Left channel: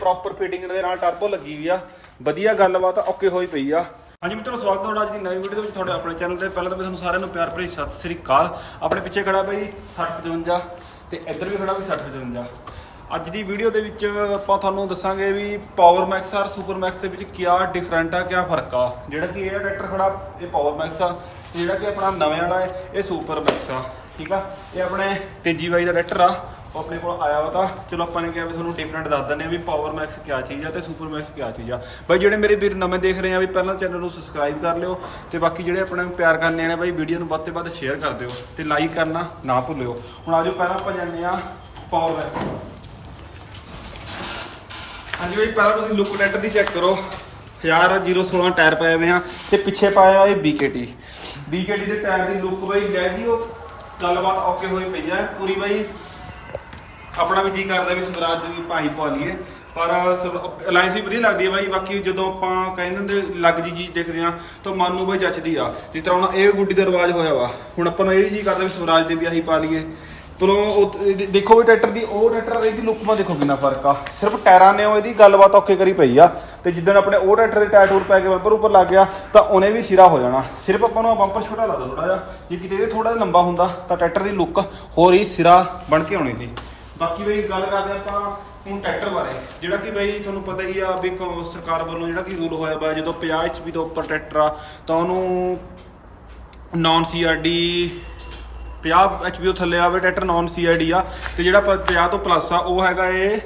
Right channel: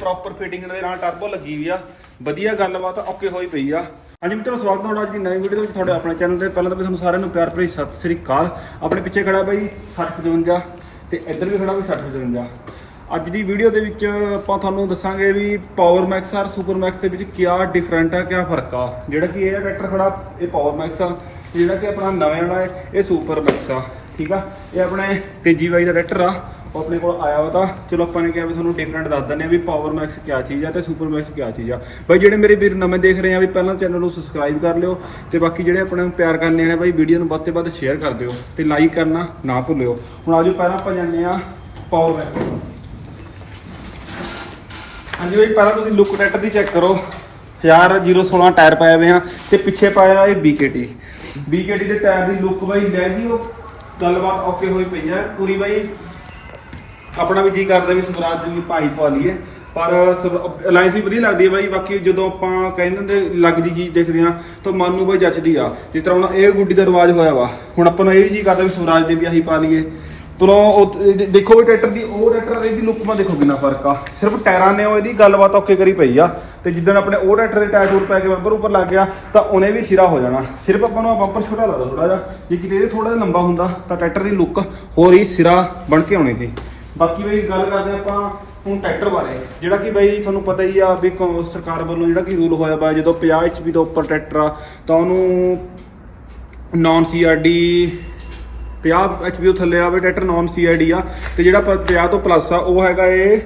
Proper fitting ਦੇ ਨਾਲ turbo ਲੱਗੀ ਹੋਈ ਆ। ਵਧੀਆ ਗੱਲਬਾਤ ਓਕੇ ਹੋਈ ਪਈ ਆ। ਹਾਂਜੀ ਮਿੱਤਰੋ, ਸਵਾਗਤ ਹੈ ਤੁਹਾਡਾ ਅੱਜ ਦੀ ਨਵੀਂ ਵੀਡੀਓ ਦੇ ਵਿੱਚ ਤੁਹਾਡੇ ਆਪਣੇ ਚੈਨਲ ਤੇ। ਪਹਿਲਾਂ ਤਾਂ ਮੈਂ ਤੁਹਾਨੂੰ ਸਾਰਿਆਂ ਨੂੰ ਪਿਆਰ ਭਰੀ ਸਤਿ ਸ੍ਰੀ ਅਕਾਲ। ਆਪਣੇ ਪਿੱਛੇ ਖੜਾ ਬਾਈ 6055 ਤੇ ਇੱਧਰ ਵੀ ਖੜਾ ਬਾਈ 6055 ਅੱਜ ਦੀ ਵੀਡੀਓ ਦੇ ਵਿੱਚ ਆਪਾਂ ਤੁਹਾਨੂੰ ਦੱਸਾਂਗੇ ਵੀ ਪਾਵਰ ਮੈਕਸ ਔਰ ਸੁਪਰ ਮੈਕਸ ਦੇ ਵਿੱਚ ਕੀ ਡਿਫਰੈਂਟ ਆ ਕੀ ਫ਼ਰਕ ਆ। ਜਿਹੜਾ ਕਿ ਇਹ ਟਰੈਕਟਰ ਖੜਾ, ਇਹ ਪਾਵਰ ਮੈਕਸ ਆ। ਜਿਹੜਾ ਕਿ ਆਪਣਾ ਨਵੇਂ ਵਾਲਾ ਹੈ, ਇਹ ਸੁਪਰ ਮੈਕਸ ਆ। ਠੀਕ ਆ? ਇਹ ਆਪਣੇ ਤੇਜੀ ਬਾਈ ਦਾ ਟਰੈਕਟਰ ਆ, ਉਹ ਆਪਣੇ ਕੋਲ ਆਇਆ ਵਾ ਤਾਂ। ਚਲੋ ਆਪਾਂ ਨੇ ਕਿਹਾ ਵੀ ਤੁਹਾਨੂੰ ਡਿਫਰੈਂਟ ਦੱਸ ਦਿੰਦੇ ਆ ਵੀ ਪਾਵਰ ਮੈਕਸ ਕਿਆ ਚੀਜ਼ ਆ ਤੇ ਸੁਪਰ ਮੈਕਸ ਕਿਆ ਚੀਜ਼ ਆ। ਬਾਈ, ਜਿਹੜੇ ਮੇਰੇ ਵੀਰ ਨਵੇਂ ਦੇਖ ਰਹੇ ਆ, ਵੀ ਪਹਿਲਾਂ ਚੈਨਲ ਨੂੰ ਸਬਸਕ੍ਰਾਈਬ ਕਰ ਲਿਓ ਤੇ ਬਾਕੀ ਜਿਹੜੇ ਆਪਣੇ ਪਿਆਰ ਕਰਨੇ ਨੇ ਬਾਈ ਵੀਡੀਓ ਨੂੰ ਵੱਧ ਤੋਂ ਵੱਧ ਸ਼ੇਅਰ ਕਰ ਦਿਓ ਤੇ ਲਾਈਕ ਕਰਨਾ ਨਾ ਭੁੱਲਿਓ। ਹੁਣ ਆਜੋ ਪਹਿਲਾਂ ਆਪਾਂ ਜਾਂਦੇ ਆ ਪਾਵਰ ਮੈਕਸ ਹਾਂਜੀ ਬਾਈ, ਪਹਿਲਾਂ ਤੁਸੀਂ ਲੁੱਕ ਟਰੈਕਟਰ ਦੀ ਚੈੱਕ ਕਰੋ। 1016 ਟਾਇਰ ਪਾਏ ਹੋਏ ਆ ਤੇ ਪਿੱਛੇ ਪਾਇਆ ਹੋਇਆ ਇਹ BKT BKT ਦੇ ਟਾਇਰ ਦੀ ਲੁੱਕ ਬਾਈ, ਲੈ ਉਹ? ਗੱਲਬਾਤ ਓਕੇ ਹੋਈ ਪਈ ਹੈ। ਪੂਰੀ ਬਾਈ, ਆਪਣਾ ਵੀ ਜੀ ਕਰਦਾ ਵੀ ਸਵਰਾਜ ਦੀ ਵੀ ਭਾਈ ਪਾ ਲਈਏ। ਪਰ ਅਲਾਈਅੰਸ ਵੀ ਵਧੀਆ ਲੱਗਦੀ ਹੈ ਬਾਈ। ਬਾਕੀ ਜਦੋਂ ਆਪਾਂ ਕਹਿੰਦੇ ਹੁੰਦੇ ਲੱਗ ਜੀ ਚੀਜ਼ ਦੇਖਦੇ ਆ ਤਾਂ ਮਨ ਨੂੰ ਬਾਈ ਜੱਚਦੀ ਆ। ਜਿਸ ਤਰ੍ਹਾਂ ਹੁਣ ਇਹ ਗੁੱਡੀ ਦਾ ਰਿਵਾਜ ਹੋਇਆ ਵਾ। ਹੁਣ ਆਪਾਂ ਨੂੰ ਇਹ ਵੀ ਜੀ ਕਰਦਾ ਵੀ ਸਵਰਾਜ ਦੇ ਵੀ ਆਹੀ ਪਾ ਲਈਏ। ਤੁਰੋਂ ਉਹ, ਇਹ ਦੇਖੋ ਵੀ ਟਰੈਕਟਰ ਦੀ, ਉਹ ਟਰੈਕਟਰ ਇਹਦੀ ਲੁੱਕ ਮਾ ਦੇਖੋ ਕਿੰਨਾ ਫ਼ਰਕ ਆ। ਸਿਰਫ ਟਾਇਰਾਂ ਨੇ ਉਹ ਇਹਦੀ ਗੱਲਬਾਤ ਓਕੇ ਕਰੀ ਪਈ ਆ। ਤੇ ਜਿੱਦਣ ਆਪਣੇ ਉਹ ਟਰੈਕਟਰ ਦੇ ਟਾਇਰ ਟੂਰ ਪੈ ਕੇ ਬੰਪਰ ਉੱਪਰ ਲੱਗ ਗਿਆ, ਤਾਂ ਉਹਨੇ ਵੀ ਸਿਰਾ ਹੋ ਜਾਣਾ। ਸਿਰਫ ਆਪਾਂ ਨੂੰ ਬੰਪਰ ਛੋਟਾ ਲੱਗਦਾ ਥੋੜਾ ਜਿਹਾ। ਜੇ ਕਿਤੇ ਇਹ ਥੋੜਾ ਜਿਹਾ ਲੰਬਾ ਹੁੰਦਾ, ਤਾਂ ਟਰੈਕਟਰ ਦੀ ਲੁੱਕ ਹੋਰ ਹੀ ਸਿਰਾ ਬਣ ਕੇ ਆਉਣੀ ਸੀ। ਬਾਕੀ ਬਈ ਗੱਲ ਕਰਦੇ ਆਪਾਂ ਹੁਣ ਟਰੈਕਟਰ ਬਾਰੇ। ਜਿਹੜਾ ਕਿ ਬਈ ਤੁਹਾਨੂੰ ਪਤਾ ਹੀ ਆ ਵੀ ਕੌ- ਸਰਕਾਰ ਵੱਲੋਂ ਜਿਹੜਾ ਕਿ ਰੂਲ ਹੋਇਆ ਵਾ ਜਦੋਂ 50 HP ਤੋਂ ਉੱਪਰ ਟਰੈਕਟਰ ਆ, ਤਾਂ ਉਹਨੂੰ ਨਾਨ ਸੀਆਰਡੀ 50 HP ਤੋਂ ਥੱਲੇ ਆਵੇ ਟਰੈਕਟਰ ਨਾਨ ਸੀਆਰਡੀ ਆ, ਤੇ ਜਿਹੜਾ ਪ- 50 ਤੋਂ ਪਲੱਸ ਆ, ਉਹ ਹੈਗਾ ਇਹ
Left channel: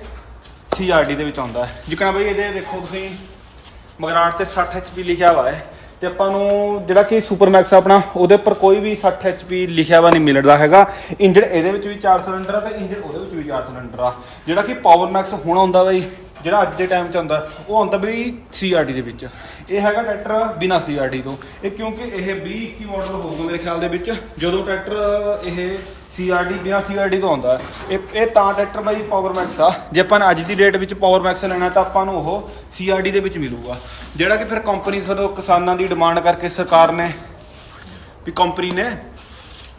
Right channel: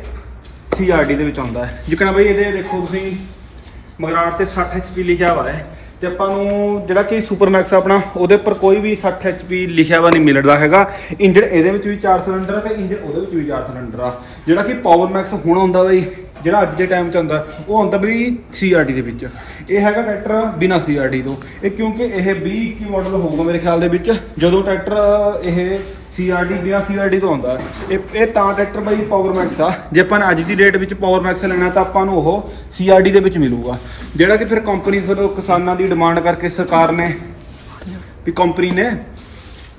ਸੀਆਰਡੀ ਦੇ ਵਿੱਚ ਆਉਂਦਾ ਹੈ। ਜਿਕਣਾ ਬਈ ਇਹਦੇ ਦੇਖੋ ਤੁਸੀਂ ਮਗਰਾਟ ਤੇ 60 HP ਲਿਖਿਆ ਹੋਇਆ ਹੈ। ਤੇ ਆਪਾਂ ਨੂੰ ਜਿਹੜਾ ਕਿ ਸੁਪਰ ਮੈਕਸ ਆਪਣਾ, ਉਹਦੇ ਉੱਪਰ ਕੋਈ ਵੀ 60 HP ਲਿਖਿਆ ਵਾ ਨਹੀਂ ਮਿਲਦਾ ਹੈਗਾ। ਇੰਜਨ ਇਹਦੇ ਵਿੱਚ ਵੀ 4 ਸਿਲੰਡਰ ਆ ਤੇ ਇੰਜਨ ਉਹਦੇ ਵਿੱਚ ਵੀ 4 ਸਿਲੰਡਰ ਆ। ਜਿਹੜਾ ਕਿ ਪਾਵਰ ਮੈਕਸ ਹੁਣ ਆਉਂਦਾ ਬਈ ਜਿਹੜਾ ਅੱਜ ਦੇ ਟਾਈਮ 'ਚ ਆਉਂਦਾ, ਉਹ ਆਉਂਦਾ ਵੀ CRT ਦੇ ਵਿੱਚ। ਇਹ ਹੈਗਾ ਟਰੈਕਟਰ ਬਿਨਾ CRT ਤੋਂ। ਇਹ ਕਿਉਂਕਿ ਇਹ 20 21 ਮਾਡਲ ਹੋਊਗਾ ਮੇਰੇ ਖਿਆਲ ਦੇ ਵਿੱਚ, ਜਦੋਂ ਟਰੈਕਟਰ ਇਹ CRT ਬਿਨਾ CRT ਤੋਂ ਆਉਂਦਾ ਹੈ। ਇਹ ਇਹ ਤਾਂ ਟਰੈਕਟਰ ਬਾਈ ਪਾਵਰ ਮੈਕਸ ਆ ਜੇ ਆਪਾਂ ਨੇ ਅੱਜ ਦੀ ਡੇਟ ਵਿੱਚ ਪਾਵਰ ਮੈਕਸ ਲੈਣਾ, ਤਾਂ ਆਪਾਂ ਨੂੰ ਉਹ CRT ਦੇ ਵਿੱਚ ਮਿਲੂਗਾ ਜਿਹੜਾ ਕਿ ਫਿਰ ਕੰਪਨੀ ਫਿਰ ਕਿਸਾਨਾਂ ਦੀ ਡਿਮਾਂਡ ਕਰਕੇ ਸਰਕਾਰ ਨੇ, ਵੀ ਕੰਪਨੀ ਨੇ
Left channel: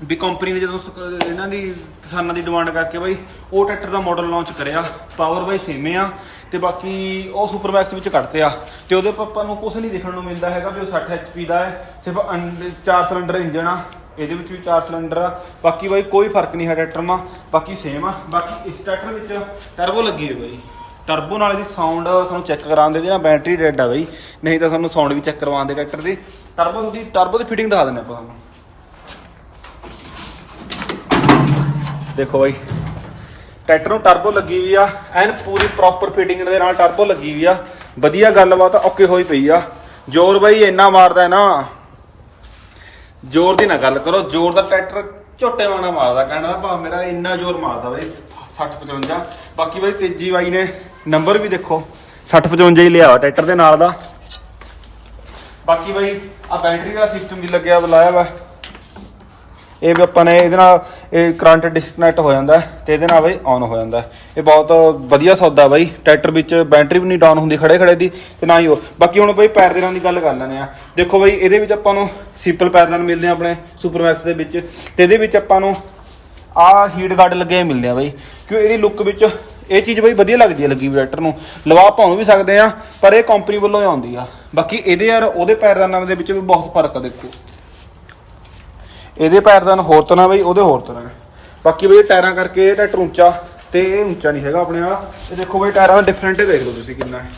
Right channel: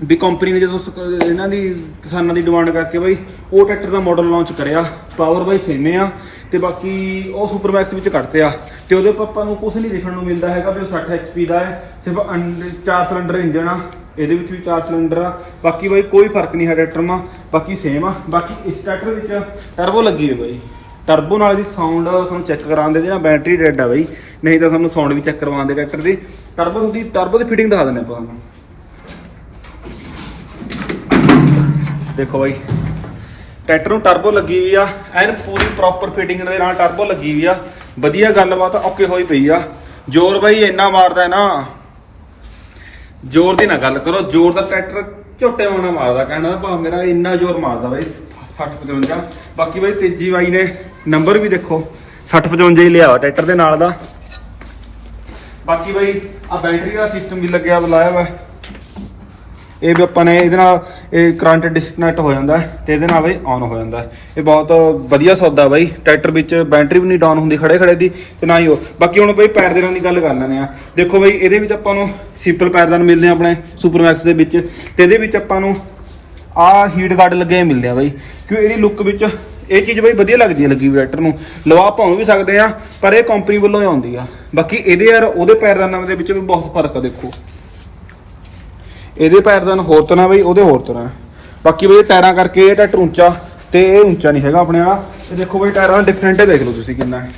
ਵੀ ਕੰਪਨੀ ਨੇ ਜਦੋਂ ਸਕ- ਇਹਨਾਂ ਦੀ, ਕਿਸਾਨਾਂ ਦੀ ਡਿਮਾਂਡ ਕਰਕੇ ਬਾਈ ਉਹ ਟਰੈਕਟਰ ਦਾ ਮਾਡਲ ਲਾਂਚ ਕਰਿਆ ਪਾਵਰ ਬਾਈ ਸੇਮੇ ਆ, ਤੇ ਬਾਕੀ ਉਹ ਸੁਪਰਮੈਕਸ ਵਿੱਚ ਕੱਢਤੇ ਆ। ਤੇ ਉਹਦੇ ਪਾਪਾ ਨੂੰ ਕੁਝ ਨਹੀਂ ਦੇਖਣ ਨੂੰ ਮਿਲਦਾ ਹੈਗਾ ਵੀ ਉਹ 60 HP ਦਾ ਹੈ, ਸਿਰਫ ਅੰਡ ਚਾਰ ਸਿਲੰਡਰ ਇੰਜਨ ਆ, ਇਹਦੇ ਵਿੱਚ ਵੀ ਚਾਰ ਸਿਲੰਡਰ ਆ। ਬਾਕੀ ਬਾਈ ਕੋਈ ਫ਼ਰਕ ਨਹੀਂ ਹੈ ਟਰੈਕਟਰ ਮਾ, ਬਾਕੀ ਸੇਮ ਆ। ਬਾਕੀ ਇਸ ਟਰੈਕਟਰ ਵਿੱਚ ਟਰਬੋ ਲੱਗੀ ਹੈ ਬਾਈ। ਟਰਬੋ ਨਾਲ ਦੀ ਸਾਊਂਡ ਤੁਹਾਨੂੰ ਚੈੱਕ ਕਰਾਉਂਦੇ ਦੇ ਨਾ ਬੈਟਰੀ ਡੈਡ ਆ ਬਾਈ। ਨਹੀਂ ਤਾਂ ਤੁਹਾਨੂੰ ਸਾਊਂਡ ਵੀ ਚੈੱਕ ਕਰਵਾਉਂਦੇ ਟਰੈਕਟਰ ਦੀ। ਟਰਬੋ ਦੀ ਟਰਬੋ ਦੀ ਫਿਟਿੰਗ ਦਿਖਾ ਦਿੰਦੇ ਆਪਾਂ ਤੁਹਾਨੂੰ। ਦੇਖੋ ਬਾਈ। ਟਰੈਕਟਰ ਨੂੰ ਟਰਬੋ ਲੱਗੀ ਵੀ ਆ, ਐਨ ਪੂਰੀ ਪ੍ਰੋਪਰ ਫਿਟਿੰਗ ਦੇ ਨਾਲ ਟਰਬੋ ਲੱਗੀ ਵੀ ਆ। ਵਧੀਆ ਗੱਲਬਾਤ ਓਕੇ ਹੋਈ ਪਈ ਆ। ਜ਼ੋਰ ਬਾਈ ਇੰਨਾ ਮਾਰਦਾ ਨਾ। ਜ਼ੋਰ ਦੀ ਨਾ ਗੱਲ ਕਰੋ, ਜ਼ੋਰ ਦਾ ਟਰੈਕਟਰ ਝੋਟੇ ਵਾਣਾ ਮਾਰਦਾ, ਕਹਿਣਾ ਦਾ ਭਾਵ ਮੇਰਾ ਇੰਨਾ ਜ਼ੋਰ ਮਾਰਦਾ ਬਾਈ 60 55 ਬਾਕੀ ਬਾਈ ਤੇਜੀ ਬਾਈ ਨੇ ਨੰਬਰ ਵੀ ਦੇਖੋ 60 55 ਹੀ ਲਿਆ ਟਰੈਕਟਰ ਦੇ ਨਾਲ ਦਾ। ਬਾਕੀ ਬਾਈ ਆ ਬੈਟਰੀ ਵਾਲਾ ਸਿਸਟਮ ਵੀ ਲੱਗਿਆ, ਬੁਲਾਇਆ ਵਾ। ਇਹ ਵੀ ਆਪਾਂ ਨੇ ਇਹਦੇ ਨਾਲ ਇਹ ਕਰੰਟ ਡਿਸਕਨੈਕਟ ਹੋ ਜਾਂਦਾ ਹੈ ਤੇ ਇਹਦੇ ਨਾਲ ਬਾਈ ਆਨ ਹੋ ਜਾਂਦਾ ਇਹ ਬਹੁਤ ਵਧੀਆ ਸੌਦਾ ਬਾਈ। ਟਰੈਕਟਰ ਵਿੱਚ ਬੈਟਰੀ ਵੀ ਨਹੀਂ ਡਾਊਨ ਹੁੰਦੀ ਖੜੇ ਖੜੇ ਦੀ ਤੇ ਨਾ ਹੀ ਉਹ। ਬਾਕੀ ਹੁਣ ਬਾਈ ਪੈਰਦਾਨਾਂ ਦੀ ਗੱਲ ਕਰ ਲੈਂਦੇ ਆ ਦੇਖੋ ਬਾਈ ਇਹਦੇ ਵਿੱਚ ਆਪਾਂ ਨੂੰ ਸਿੰਪਲ ਪੈਰਦਾਨ ਮਿਲਦੇ ਆ ਆਪਣੇ ਸੁਪਰਮੈਕਸ ਦੇ ਵਿੱਚ ਤੇ ਇਹਦੇ ਵਿੱਚ ਆਪਾਂ ਨੂੰ ਆ ਹੀਟ ਗਾਰਡ ਲੱਗੇ ਮਿਲਦੇ ਆ ਬਾਈ। ਕਿਉਂ ਇਹਦੀ ਲੁੱਕ ਵਿੱਚ ਇਹ ਚੀਜ਼ ਬਈ ਵਧੀਆ ਲੱਗਦੀ ਹੈ ਲੱਗੀ ਵੈਟਰ ਨੂੰ। ਲਵਾ ਪਾਉਂ ਵੀ ਸਕਦੇ ਆ ਪਰ ਇਹ ਕੰਪਨੀ ਵੱਲੋਂ ਹੀ ਆਉਂਦੀ ਆ। ਬਾਕੀ ਇਹਦੇ ਯਾਰ ਉਹਦੇ ਪੈਰਦਾਨਾਂ ਦੇ ਵਿੱਚ ਵੀ ਬਹੁਤ ਫ਼ਰਕ ਆ ਦੇਖੋ। ਇਹਦੇ ਪੈਰਦਾਨ ਹੋਰ ਤਰ੍ਹਾਂ ਬਈ, ਉਹਦੇ ਹੋਰ ਤਰ੍ਹਾਂ। ਬਾਕੀ ਬਈ ਟਾਇਰਾਂ ਕਰਕੇ ਇਹ ਟਰੈਕਟਰ ਉੱਚਾ ਤੇ ਇਹ ਉੱਚਾ ਨਹੀਂ ਹੈਗਾ ਆਪਣੇ ਵਾਲਾ। ਇਹ ਦੇਖੋ ਬਈ ਟਾਇਰਾਂ ਦਾ ਡਿਫਰੈਂਟ ਹੈ, ਦੇਖ ਲਓ ਤੁਸੀਂ ਕਿੰਨਾ ਹੈ।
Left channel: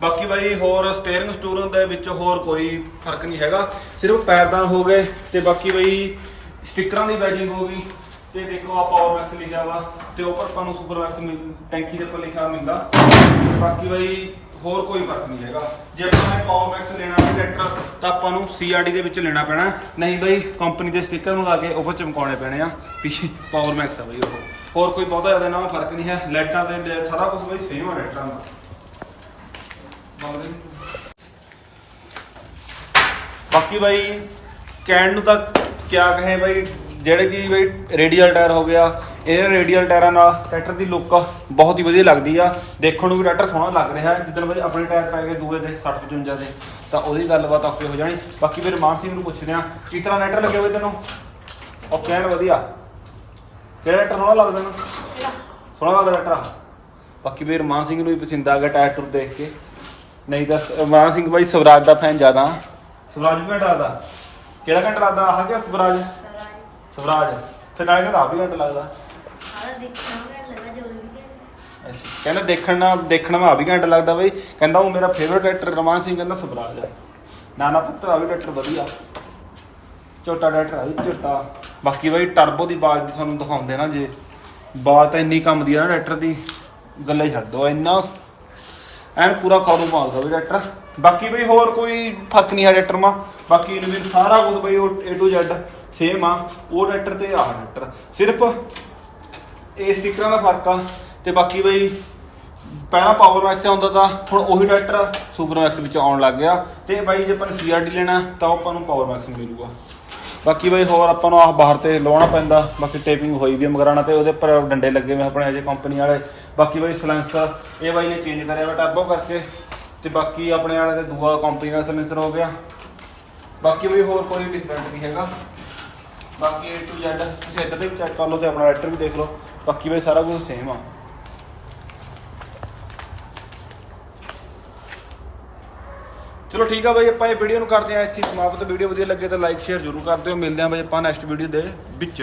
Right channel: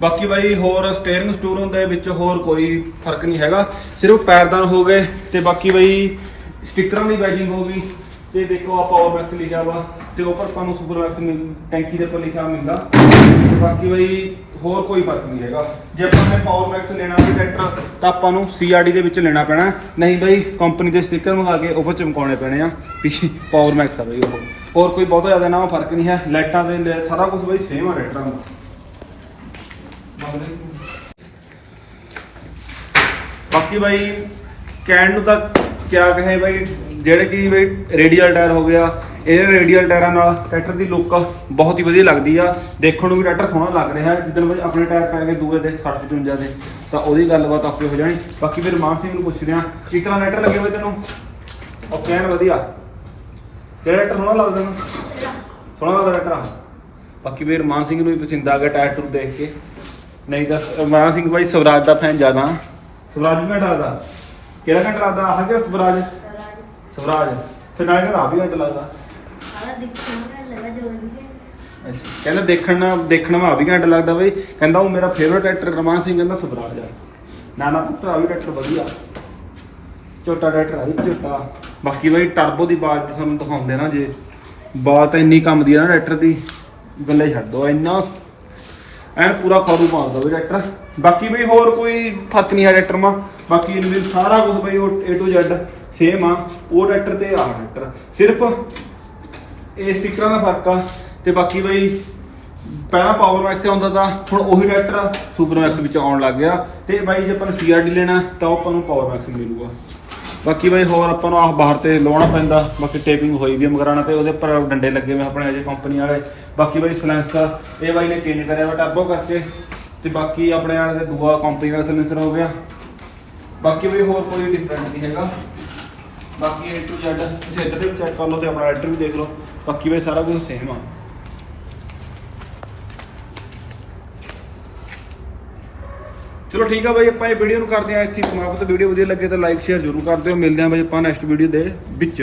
ਬਾਕੀ ਬਾਈ ਹੋਰ ਸਟੀਅਰਿੰਗ ਸਟੂਰਿੰਗ ਦੇ ਵਿੱਚ ਹੋਰ ਕੋਈ ਫ਼ਰਕ ਨਹੀਂ ਹੈਗਾ। ਸਿਰਫ ਪੈਰਦਾਨ ਹੋ ਗਏ ਤੇ ਬਾਕੀ ਬਾਈ ਸਟickਰਾਂ ਦੀ ਬੈਜਿੰਗ ਹੋ ਗਈ। ਤੇ ਦੇਖੋ ਆ ਪਾਵਰ ਮੈਕਸ ਲਿਖਿਆ ਵਾ ਤੇ ਉੱਪਰ ਆਪਾਂ ਨੂੰ ਸੁਪਰ ਮੈਕਸ ਟੈਂਕੀ ਦੇ ਉੱਪਰ ਲਿਖਿਆ ਮਿਲਦਾ। ਤੇ ਬਾਕੀ ਬਾਈ, ਹੋਰ ਕੋਈ ਫ਼ਰਕ ਨਹੀਂ ਹੈਗਾ। ਜੇ ਆਪਾਂ ਨੇ ਪਾਵਰ ਮੈਕਸ ਲੈਣਾ ਵੀ ਟਰੈਕਟਰ, ਤਾਂ ਆਪਾਂ ਨੂੰ CRD ਦੇ ਵਿੱਚ ਲੈਣਾ ਪੈਣਾ। ਨਹੀਂ ਬਈ ਕੰਪਨੀ ਦੇ ਸਟicker ਮੰਗਾ ਕੇ ਉਹ ਚਮਕਾਉਣੇ ਪੈਣੇ ਆ। ਵੀ ਪਾਵਰ ਮੈਕਸ ਆ ਬਈ ਉਹ। ਹੋਰ ਕੋਈ ਬਹੁਤਾ ਜ਼ਿਆਦਾ ਨਾ ਫ਼ਰਕ ਨਹੀਂ ਹੈ। ਲਾਈਟਾਂ ਦੇ ਸਾਰਾ ਕੁਝ ਬਾਈ ਸੇਮ ਆ ਟਰੈਕਟਰਾਂ ਦਾ। ਬਾਕੀ ਬਾਈ, ਕਹਿਣ ਨੂੰ ਤਾਂ ਕਿਆ ਕਹੇ ਬਾਈ ਜਿਹੜੇ ਕਿ ਬਈ ਰੇਡੀਅਲ ਟਾਇਰ ਹੋ ਗਿਆ, ਇਹ ਰੇਡੀਅਲ ਟਾਇਰਾਂ ਨਾਲ ਟਰੈਕਟਰ ਦੀ ਲੁੱਕ ਬਹੁਤ ਹੀ ਵਧੀਆ ਲੱਗਦੀ ਆ। ਦੇਖਣ ਨੂੰ ਵੀ ਟਰੈਕਟਰ ਸੋਹਣਾ ਲੱਗ ਰਿਹਾ ਜਿੱਦਣ ਬਾਈ ਆਪਣੇ ਟਾਇਰ ਪੈ ਗਏ ਦੂਏ ਦੇ 60 55 ਦੇ, ਤਾਂ ਉਹਦੀ ਗੱਲਬਾਤ ਆਪੇ ਹੋ ਜਾਣੀ। ਬਾਕੀ ਫਿਰ ਮਾਨ ਸਿੰਘ ਨੂੰ ਪੁੱਛਦੇ ਆ ਕਿਸ ਤਰ੍ਹਾਂ ਟਰੈਕਟਰ ਲੱਗੇ ਹੋਏ ਤੈਨੂੰ? ਉਹ ਕਹਿਣ ਵਧੀਆ। ਕਿਹੜਾ ਟਰੈਕਟਰ ਸੋਹਣਾ ਲੱਗਦਾ ਤੈਨੂੰ? ਸੋਹਣਾ ਲੱਗਦਾ ਟਰੈਕਟਰ? ਬਾਕੀ ਮੇਰੇ ਮਾਨ ਸਿੰਘ ਨੂੰ ਵੀ ਪਸੰਦ ਆ ਗਿਆ ਟਾਇਰ ਟੂਰ ਦੇਖ ਕੇ। ਨਹੀਂ ਤਾਂ ਮਾਨ ਸਿੰਘ ਬਾਈ ਸਵਰਾਜ ਦਾ ਫੈਨ ਜ਼ਿਆਦਾ। ਸਵਰਾਜ ਵੀ ਘੰਟਾ ਲੱਗਦਾ ਕਿਹੜਾ ਘੰਟਾ ਲੱਗਦਾ? ਆਹ ਕਿ ਸਵਰਾਜ? ਸਵਰਾਜ ਫਿਰ ਨਾਲੇ ਕਹਿੰਦਾ ਆ ਵੀ ਘੰਟਾ ਲੱਗਦਾ। ਅੱਛਾ ਕਹਿੰਦਾ ਦੇਖਣ ਨਾਲ ਦੇਖਣ ਨਾਲ ਆ ਵੀ ਘੰਟਾ ਲੱਗਦਾ ਬਈ। ਕਹਿੰਦਾ ਉਹ ਮੇਰਾ ਫੇਵਰਟ ਐਕਟਰ ਰਮਾਨ ਸਿੰਘ ਕਹਿੰਦਾ ਸਵਰਾਜ ਆ। ਨਾ ਨਾ ਪੁੱਤ ਆ ਵੀ ਡਾਕਟਰ ਵਧੀਆ। ਛੋਟਾ ਡਾਕਟਰ ਆ ਵੀ ਛੋਟਾ ਬਾਕੀ ਬਈ ਟਰਬੋ ਦੀ ਬਾਤ ਦੀ ਤੁਹਾਨੂੰ ਦਿਖਾਉਂਦੇ ਨਾ ਜੇ। ਬਾਤ ਇੰਨੀ ਕੰਮ ਦੀ ਆ ਨਾ ਡਾਕਟਰ ਦੀ। ਗੱਲੇ ਛੱਡ ਦੋ ਇੰਨਾ ਐਨ ਪੂਰਾ ਖੋਰੂ ਮਾਰਦਾ ਵੀ ਡਾਕਟਰ। ਬਾਕੀ ਬਈ ਹੋਰ ਕੋਈ ਫ਼ਰਕ ਨਹੀਂ ਹੈ ਡਾਕਟਰ ਮਾ। ਬਾਕੀ ਵੀ ਸਾਰਾ ਕੁਝ ਬਈ ਉਹ A to Z ਸੇਮ ਆ, ਉਹ ਟਰੈਕਟਰ ਤੇ ਆਹ ਟਰੈਕਟਰ ਸਿਰਫ ਇਹ ਸਟickਰਾਂ ਦਾ ਫ਼ਰਕ ਆ, ਤੇ ਬਾਕੀ ਬਈ ਪਹਿਲਾਂ ਪਾਵਰ ਮੈਕਸ ਆਉਂਦਾ ਤਾਂ ਹੁਣ ਉਹੀ ਟਰੈਕਟਰ ਸੁਪਰ ਮੈਕਸ ਵਿੱਚ ਆਉਣ ਲੱਗ ਗਿਆ। ਤੇ ਬਾਈ ਜੇ ਆਪਾਂ ਨੇ ਸੀਆਰਡੀ ਲੈਣਾ, ਤਾਂ ਉਹ ਆਪਾਂ ਨੂੰ ਪਾਵਰ ਮੈਕਸ ਮਿਲੂਗਾ। ਬਾਕੀ ਬਾਈ ਹੋਰ ਆਪਾਂ ਨੂੰ ਆਹ ਬਾਹਰ ਤੇ ਲਾਉਣਾ ਪੈਂਦਾ, ਬਾਕੀ ਟੇਪਿੰਗ ਹੋਈ ਵੀ ਆ ਮਗਰਾਣਾ ਤੇ, ਉਹਦੇ ਉੱਪਰ ਡੰਡੇ ਲੱਗੇ ਹੋਏ ਆਪਣੇ ਅਜੇ ਕੰਪਨੀ ਵਾਲੇ। ਬਾਕੀ ਬਾਈ ਸਲੈਂਸਰ ਇਹ ਬਾਈ ਨੇ ਚੇਂਜ ਕਰਿਆ ਵਾ ਟਰਬੋ ਕਰਕੇ। ਤੇ ਬਾਕੀ ਆਪਣੇ ਵਾਲੇ ਤੇ ਦੂਆ ਕੰਪਨੀ ਦਾ ਸਲੈਂਸਰ ਹੋ ਗਿਆ। ਬਾਕੀ ਬਈ ਹੋਰ ਕੋਈ ਡਿਫਰੈਂਟ ਨਹੀਂ ਹੈਗਾ। ਬਾਕੀ A to Z, ਤੁਸੀਂ ਇੱਧਰ ਵੀ ਚੈੱਕ ਕਰ ਲਓ ਤੇ ਆਪਣਾ ਰਾਈਟਰ ਵੀ ਦੇਖ ਲਓ। ਬਾਕੀ ਬਈ ਸਾਰਾ ਕੁਝ ਸੇਮ ਆ। ਚਲੋ ਠੀਕ ਆ ਬਾਈ, ਆਪਾਂ ਇਹ ਵੀਡੀਓ ਨੂੰ ਕਰਦੇ ਆ, ਇੱਥੇ ਸਮਾਪਤ। ਵੀਡੀਓ ਵਧੀਆ ਲੱਗੇ ਤਾਂ ਲਾਈਕ ਸ਼ੇਅਰ ਜ਼ਰੂਰ ਕਰ ਦਿਓ। ਮਿਲਦੇ ਆ ਬਾਈ ਆਪਾਂ ਨੈਕਸਟ ਵੀਡੀਓ ਦੇ ਵਿੱਚ।